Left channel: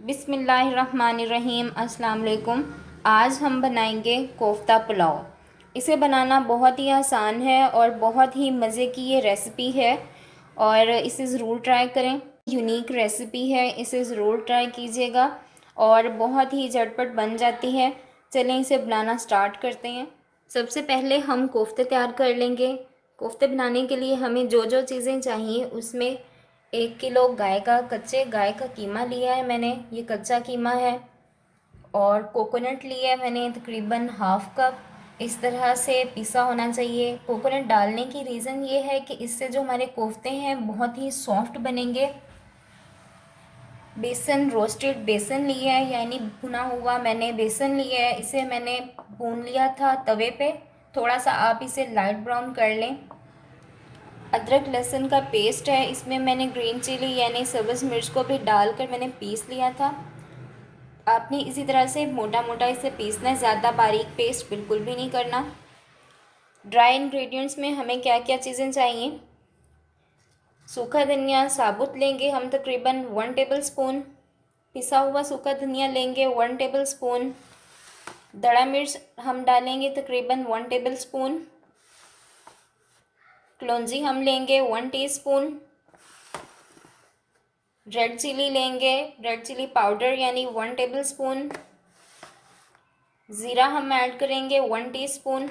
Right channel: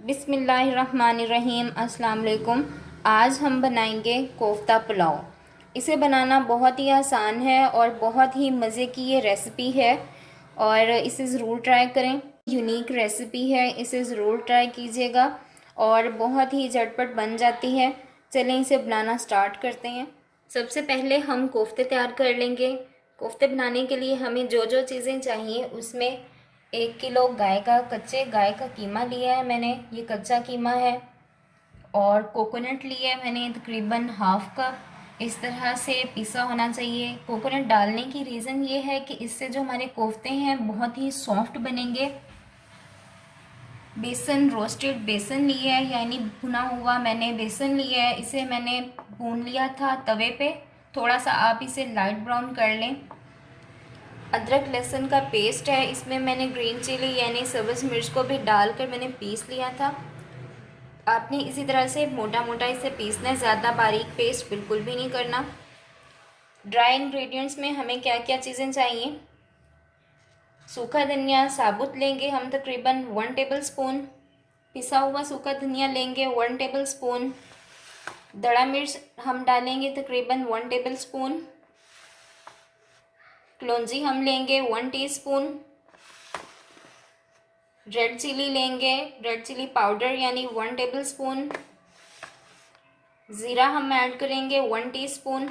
बिस्मिल्लाहिर्रहमानिर्रहीम। अस्सलाम वालेकुम। आज हम बनाएंगे कोफ्ता पुलाव। इसे बनाना बहुत ही आसान है और बहुत ही मज़े की ये रेसिपी है और इसे ज़रूर ट्राई करें। यूनिक रेसिपी है, इसे ज़रूर ट्राई कीजिएगा और बहुत ही झटपट बन जाती है। चलें इसे बनाना स्टार्ट करते हैं। सबसे पहले हम कोफ्ते तैयार कर लेंगे। कोफ्ते बनाने के लिए हमें जो जो चीज़ें चाहिए उसमें 1 किलो कच्चे गाय का कीमा लिया है मैंने, ये कच्चा कीमा है। और कोकोनट लिया है मैंने तकरीबन हाफ़ कप। इस तरह से पिसा होना चाहिए। कोकोनट डालने की रीज़न ये है कि इससे जो हमारे कोफ्ते हैं बहुत ही सॉफ्ट बनेंगे। बेसन, रोस्टेड बेसन लिया है, यानी भुना हुआ मैंने बेसन लिया है। इसे मैंने भून लिया था तवे पे। थोड़ा सा आप इसे लाइट ब्राउन कर लें। अदरक लहसुन का पेस्ट है, इसमें मैंने ग्रीन चिली यानी सब्ज़ मिर्च को भी डालकर मैंने पीस लिया था। आपने इसी तरह से मोटा मोटा इसे पीसना है, ज़्यादा बारीक पेस्ट बिल्कुल भी नहीं करना। ड्राई इंग्रेडिएंट्स में हमें क्या क्या चीज़ें चाहिए। सूखा धनिया साबुत लेंगे हम तकरीबन 1 टेबल स्पून। पिसा हुआ सूखा धनिया लेंगे 1 टेबल स्पून। दड़ा मिर्च हम डालेंगे तकरीबन 1 टेबल स्पून। कलौंजी हम लेंगे 1 टीस्पून। रेड चिली लेंगे, रेड चिली पाउडर यानी 1 टेबल स्पून। ज़ीरा हम ऐड करेंगे 1 टीस्पून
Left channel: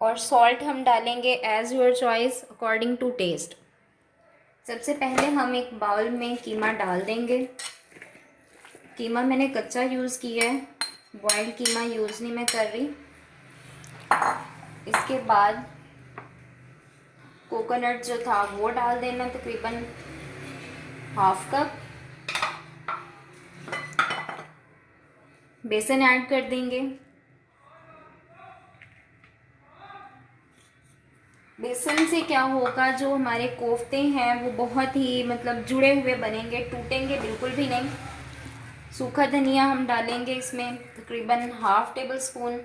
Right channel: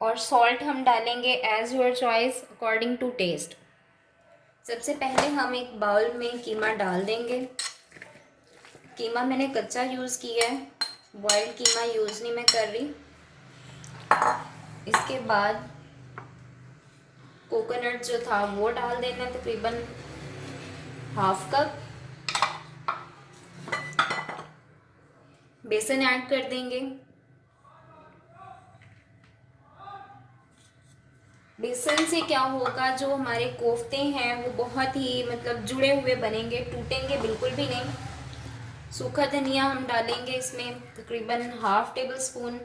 और सॉल्ट हम डालेंगे as your choice according to taste. सबसे पहले हम एक बाउल में कीमा डाल देंगे। कीमा मैंने कच्चा यूज़ किया है, बॉइल्ड कीमा यूज़ नहीं मैं कर रही। इसके बाद कोकोनट जो था वो डाल देना तकरीबन हाफ़ कप। बेसन ऐड कर देंगे। बेसन से क्या होगा, जो हमारे कोफ्ते हैं वो बहुत ही जुड़े हुए बनेंगे, टूटेंगे बिल्कुल भी नहीं। सूखा धनिया हम डालेंगे इसमें तकरीबन हाफ़ टेबल स्पून।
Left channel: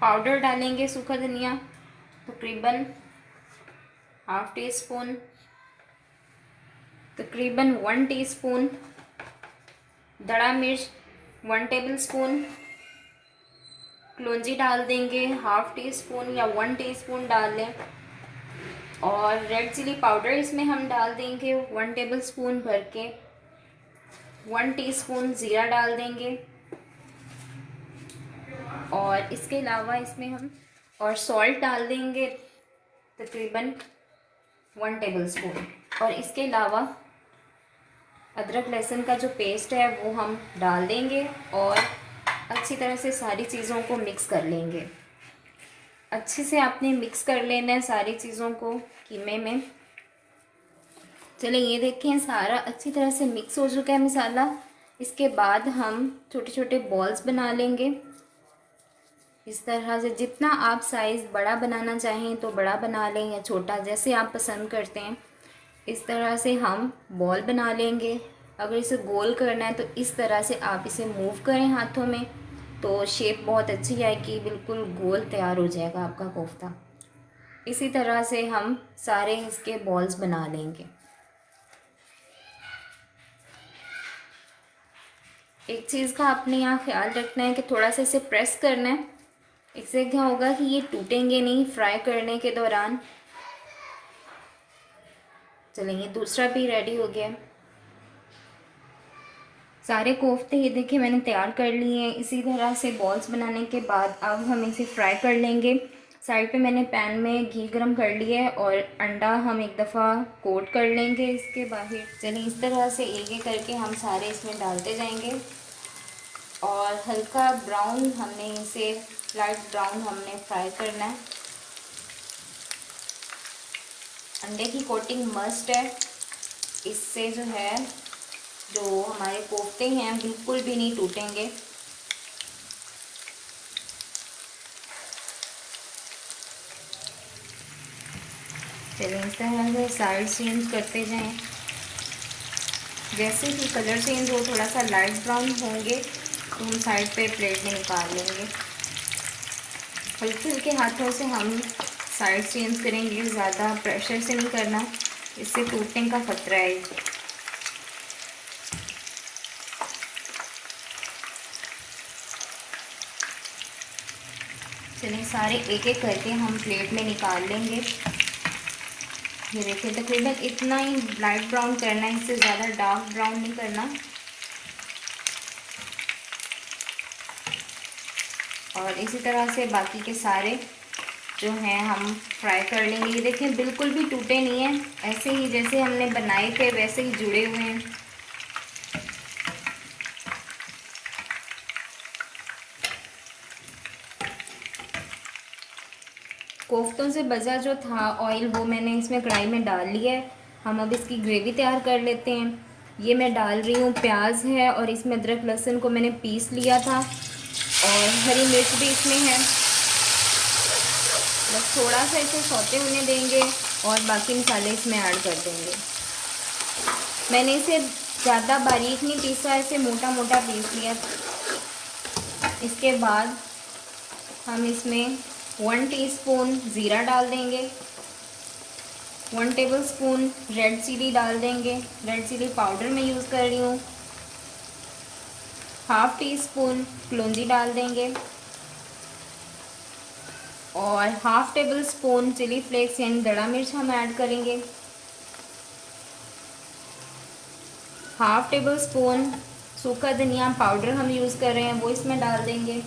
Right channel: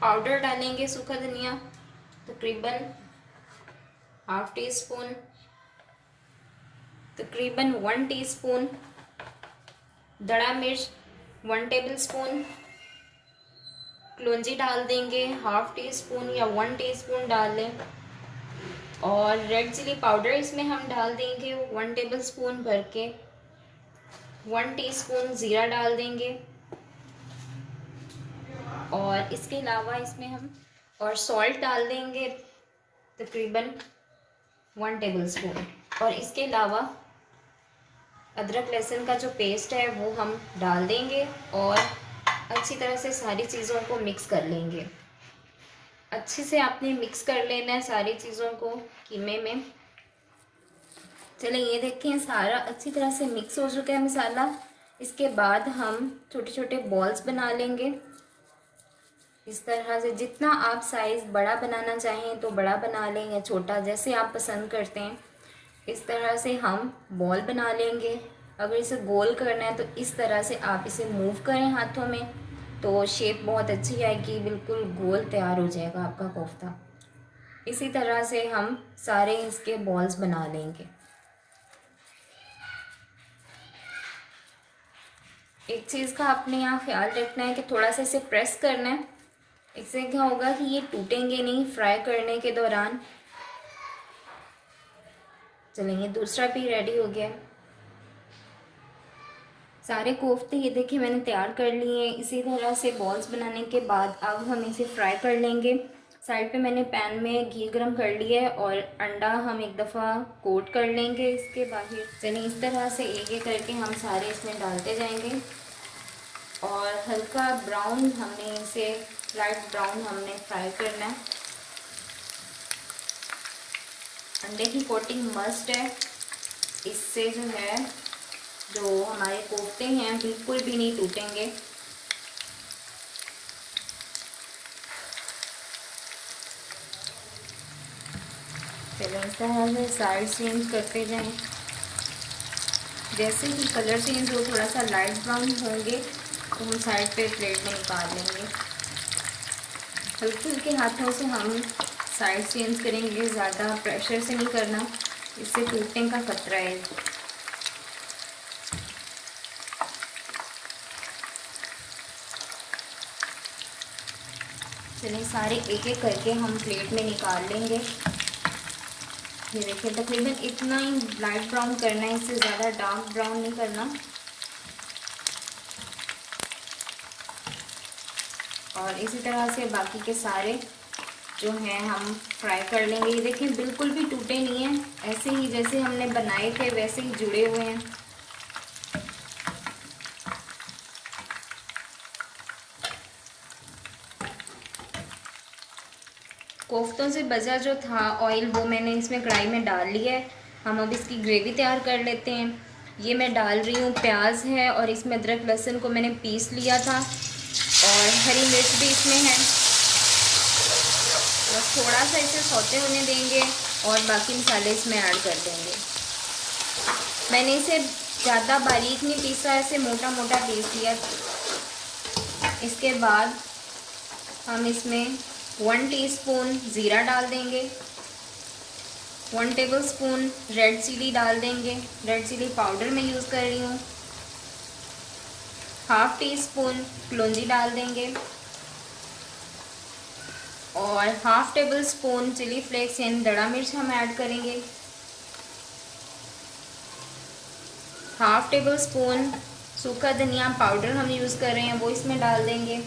पाउडर डालेंगे सूखा धनिया तकरीबन हाफ़ टी स्पून, तकरीबन 1 टीस्पून। दड़ा मिर्च 1 टेबल स्पून। कलौंजी डाल देंगे हाफ़ टी स्पून या 1 टीस्पून डाल लें। और रेड चिली पाउडर इसमें हम डाल देंगे 1 टेबल स्पून भर के। 1 टीस्पून ज़ीरा डाल देंगे और इसके अलावा इसमें हम और सॉल्ट डाल देंगे तकरीबन 1 टेबल स्पून। और इसके अलावा अदरक लहसुन का जो पेस्ट है वो हम डाल देंगे और अच्छी तरह से सारी चीज़ों को मिक्स कर लेंगे। अच्छे से आपने मिक्स कर लेना है सारी चीज़ों को कीमे में। चलिए ये देखें सारा अच्छी तरह से मिक्स हो चुका है मसाला। इसके बाद हम छोटे छोटे बॉल्स बना लेंगे इस तरह से। जितना आप साइज़ बड़ा बनाना चाहें तो बड़ा बना लें या छोटा, जैसे आप पसंद करते हैं। इस तरह से हम बॉल बना लेंगे। अगर इसे गोल करना है तो इस तरह से आप इसे मूव करें हाथों में तो शेप बहुत अच्छी आएगी, बिल्कुल गोल तैयार हो जाएगा आपका कोफ्ता। इसी तरह से हम सारे इसके बॉल्स बना लेंगे। एक चीज़ का आपने यहाँ ख्याल रखना है कि थोड़ा सा इसे प्रेस करना है। इससे क्या होगा कि ये टूटेंगे नहीं फ्राई करने के दौरान। चलेंगे दूसरा भी रेडी हो गया। सारे कोफ्ते ये देखिए मैंने तैयार कर लिए हैं। इसी तरह से बॉल्स बनाने के बाद अब हम इसे फ्राई कर लेंगे। साइड पे मैंने पैन में घी गरम कर लिया है और अंडा हम एक दफ़ा कोट कर लेंगे इसके बाहर। चलिए इस तरह से एक एक करके हम सारे इसमें डालते जाएंगे और हल्का ब्राउन हमने इसे लाइट ब्राउन हमने फ्राई करना है। अंडे की कोटिंग मस्ट है, इससे जो है जो हमारे कोफ्ते हैं बिल्कुल भी नहीं टूटेंगे। चलिए इस तरह से साइड चेंज करते जाएं। जैसे ही कलर चेंज हो थोड़ा सा लाइट ब्राउन होंगे तो हम साइड पे प्लेट में निकाल लेंगे। हल्के हल्के हाथों से हम साइड चेंज करेंगे, ज़्यादा प्रेशर से नहीं करना, इससे टूटने का खतरा है। चलिए सारे एक एक करके हम प्लेट में निकाल लेंगे। ये देखिए तकरीबन इतना ही लाइट ब्राउन करना है, इससे ज़्यादा डार्क ब्राउन नहीं करना। और इसी तरह से बाकी के सारे जो हैं हम फ्राई कर लेंगे। ये देखें बिल्कुल भी टूटे नहीं हैं, ऐसे ही जैसे हमने बनाए थे वैसे ही जुड़े हुए हैं। कोफ्तों से बचा जो था ऑयल वो मैंने इसमें कढ़ाई में डाल लिया है। हम अब इसकी ग्रेवी तैयार कर लेते हैं। ये मैं डाल रही हूँ, प्याज है और इसमें अदरक लहसुन को मैंने पीस लिया था और हरी मिर्च भी इसमें है। बस थोड़ा सा इसे सौते होने देंगे और बाकी मसाले इसमें ऐड कर देंगे। मैंने इसे ज़्यादा बारीक नहीं पीसा, ऐसे मोटा मोटा पीस लिया। इसके बाद हम इसमें 1 टीस्पून ज़ीरा डाल देंगे, 1 टेबलस्पून रेड चिली डाल देंगे। रेड चिली पाउडर मैं यूज़ कर रही हूँ। हाफ़ टी स्पून कलौंजी डाल देंगे और half tablespoon chili flakes यानी दड़ा मिर्च हम ऐड करेंगे। हाफ़ टेबल स्पून सूखा धनिया पाउडर हम यूज़ कर रहे हैं, वो इसमें डाल देंगे।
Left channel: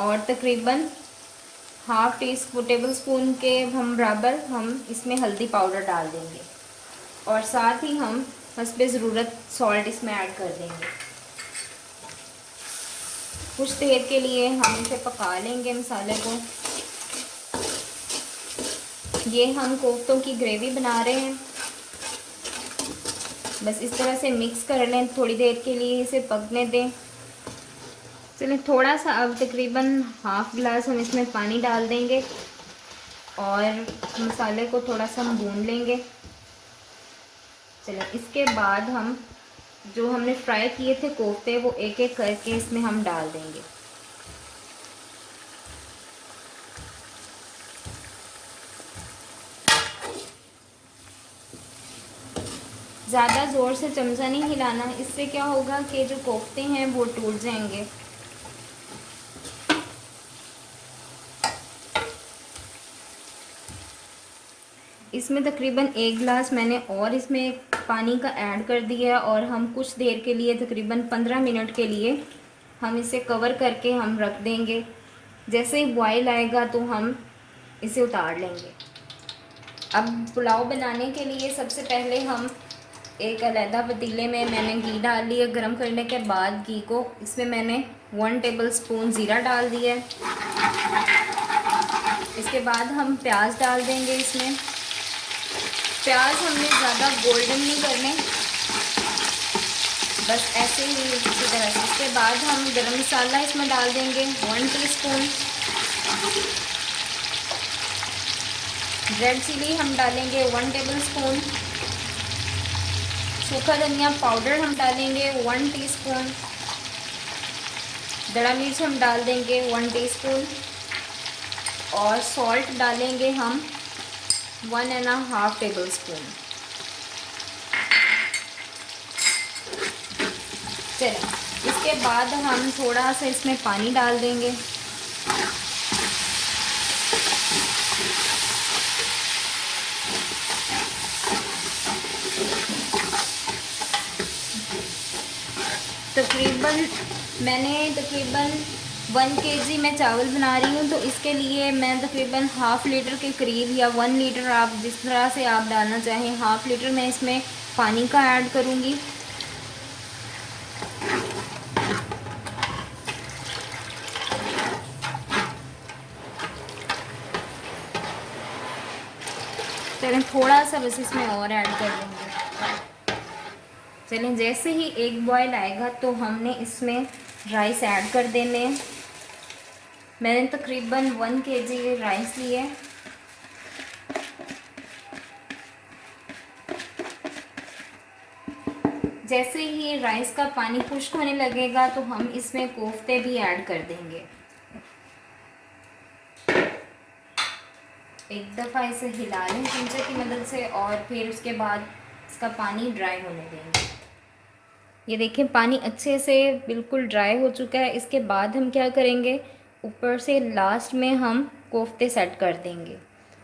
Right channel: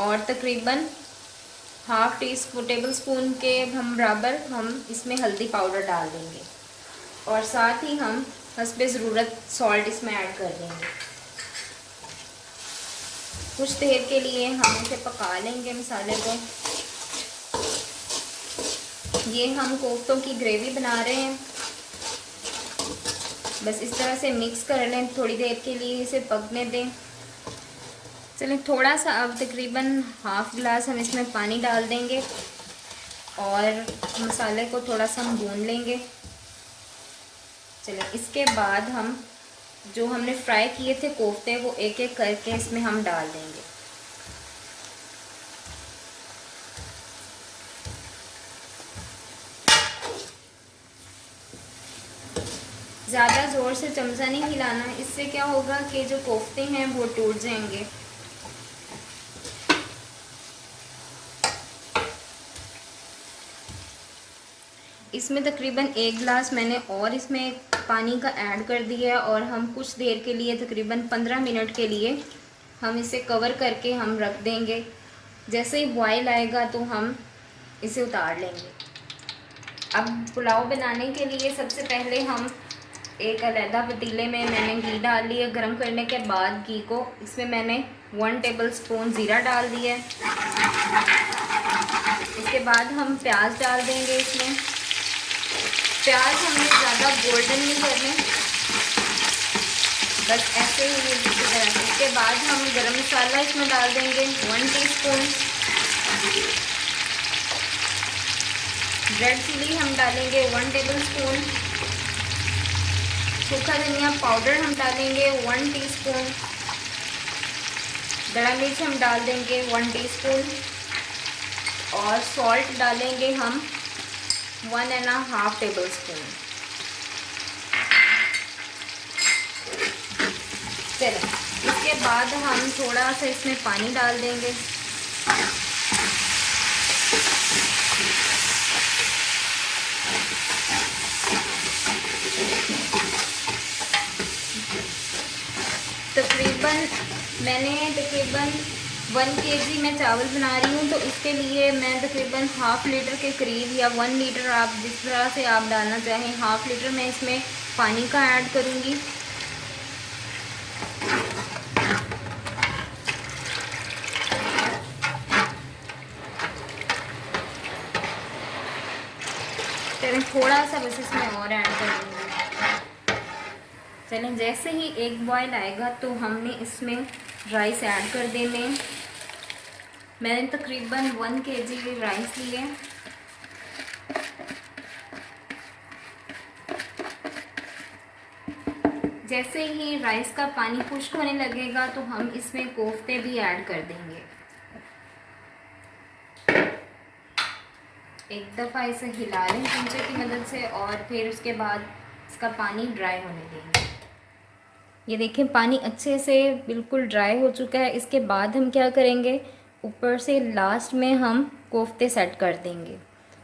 और तकरीबन हाफ़ टेबल स्पून के हम बराबर हम इसमें हल्दी पाउडर डाल देंगे और साथ ही हम हस्बे ज़रूरत सॉल्ट इसमें ऐड कर देंगे। कुछ देर के लिए हम इसे पका लेंगे मसाले को। ये हम कोफ्तों की ग्रेवी बना रहे हैं, बस इस तरह से मिक्स कर लें, थोड़ी देर के लिए इसे पकने दें। चलिए थोड़ा सा अब तकरीबन हाफ़ गिलास हम इसमें पानी डाल देंगे और मसाले को थोड़ा सा हम भून लेंगे। चलिए इसके बाद हम जो हमने फ्राई किए थे कोफ्ते वो एक एक करके इसमें हम डाल देंगे। ज़्यादा ज़ोर से चमचा नहीं हिलाना है, इससे क्या होगा कि जो कोफ्ते हैं वो टूट जाएंगे। इसमें तकरीबन 1 गिलास मैंने और इसमें पानी का ऐड कर दिया और हम कुछ देर के लिए तकरीबन 15 मिनट के लिए हम इसे कवर करके हम रख देंगे। जैसे ही बॉयल आएगा तो हम इसे उतार लेंगे। अब पुलाव बनाने के लिए सबसे पहले हम एक अलहदा पतीले में मैंने घी डाल लिया। गरम करने के बाद घी को इसमें मैंने 1 टेबलस्पून ज़ीरा डाल दिया। इसके बाद हम प्याज डाल देंगे इसमें। प्याज हमने ज़्यादा गोल्डन नहीं करने, बस ऐसे ही इसी तरह से। इसके बाद हम गरम मसाला इसमें डाल देंगे 1 टीस्पून। रेड चिली हम डालेंगे 1 टेबलस्पून। सूखा धनिया पाउडर हम डालेंगे 1 टीस्पून। दड़ा मिर्च हम डाल देंगे 1 टीस्पून और सॉल्ट डालेंगे हम 1.5 टेबलस्पून। चलिए इसके बाद हम थोड़ा सा इसमें पानी डाल देंगे। मैंने तकरीबन 1 केजी मैं चावल बना रही हूँ, तो इसके लिए मैं तकरीबन हाफ़ लीटर के करीब या 1 लीटर, आप जिस तरह से आप डालना चाहें, हाफ़ लीटर मैं इसमें पानी का ऐड करूँगी। चलिए थोड़ा सा बस इसमें और ऐड कर दूँगी। चलिए जैसे ही एक बॉयल आएगा तो हमने इसमें राइस ऐड कर देने हैं। मैंने तकरीबन 1 केजी राइस लिए। जैसे ही राइस का पानी खुश्क होने लगेगा तो हम इसमें कोफ्ते भी ऐड कर देंगे। एक दफ़ा इसे हिला लें चमचे की मदद से और फिर उसके बाद इसका पानी ड्राई होने देंगे। ये देखें पानी अच्छे से बिल्कुल ड्राई हो चुका है। इसके बाद हम क्या करेंगे, ऊपर से लास्ट में हम कोफ्ते सेट कर देंगे।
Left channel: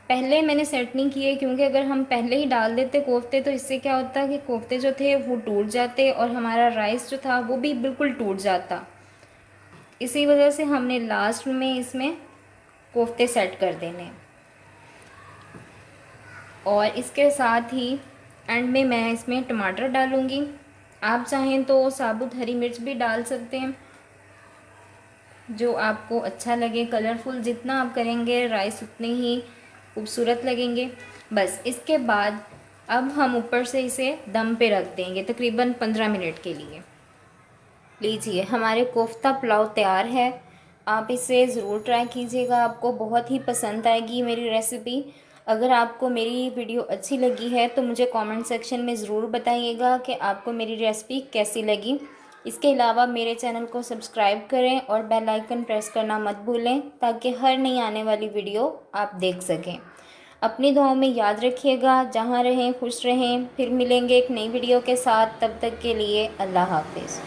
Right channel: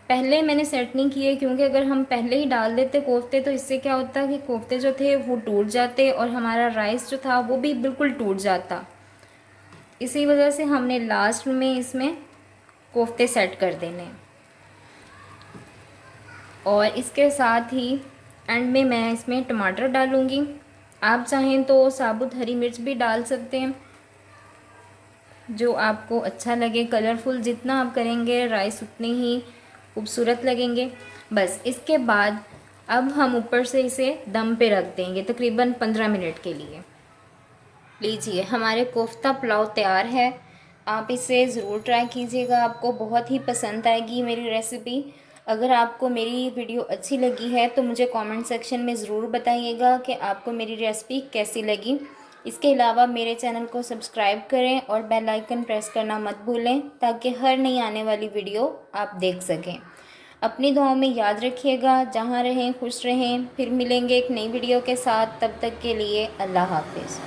पहले मैंने सेट नहीं किए क्योंकि अगर हम पहले ही डाल देते कोफ्ते तो इससे क्या होता कि कोफ्ते जो थे वो टूट जाते और हमारा राइस जो था वो भी बिल्कुल टूट जाता। इसी वजह से हमने लास्ट में इसमें कोफ्ते सेट कर देने। और इसके साथ ही एंड में मैं इसमें टमाटर डालूँगी। आप चाहें तो साबुत हरी मिर्च भी डाल सकते हैं, जो आपको अच्छा लगे। कलरफुल जितना आप करेंगे राइस उतने ही खूबसूरत लगेंगे। बस इसके बाद अब हम ऊपर से इसे दम पे रख देंगे तकरीबन 15 मिनट के लिए। लीजिए हमारे कोफ्ता पुलाव तैयार है। आप इसे ज़रूर ट्राई कीजिएगा, आपको बहुत ही पसंद आएगी मेरी रेसिपी। अगर आपको मेरी वीडियो अच्छी लगी है तो मुझे कमेंट सेक्शन में ज़रूर बताइएगा कि आपको मेरी रेसिपी कैसी लगी। इसके अलावा मेरे चैनल को सब्सक्राइब करें और बेल आइकन प्रेस करना मत भूलें ताकि हर नई आने वाली वीडियो आप देख सकें। अपनी दुआओं में याद रखिएगा। जहाँ रहें खुश रहें। फिर मिलेंगे एक नई वीडियो के साथ। तब तक के लिए अल्लाह हाफिज़।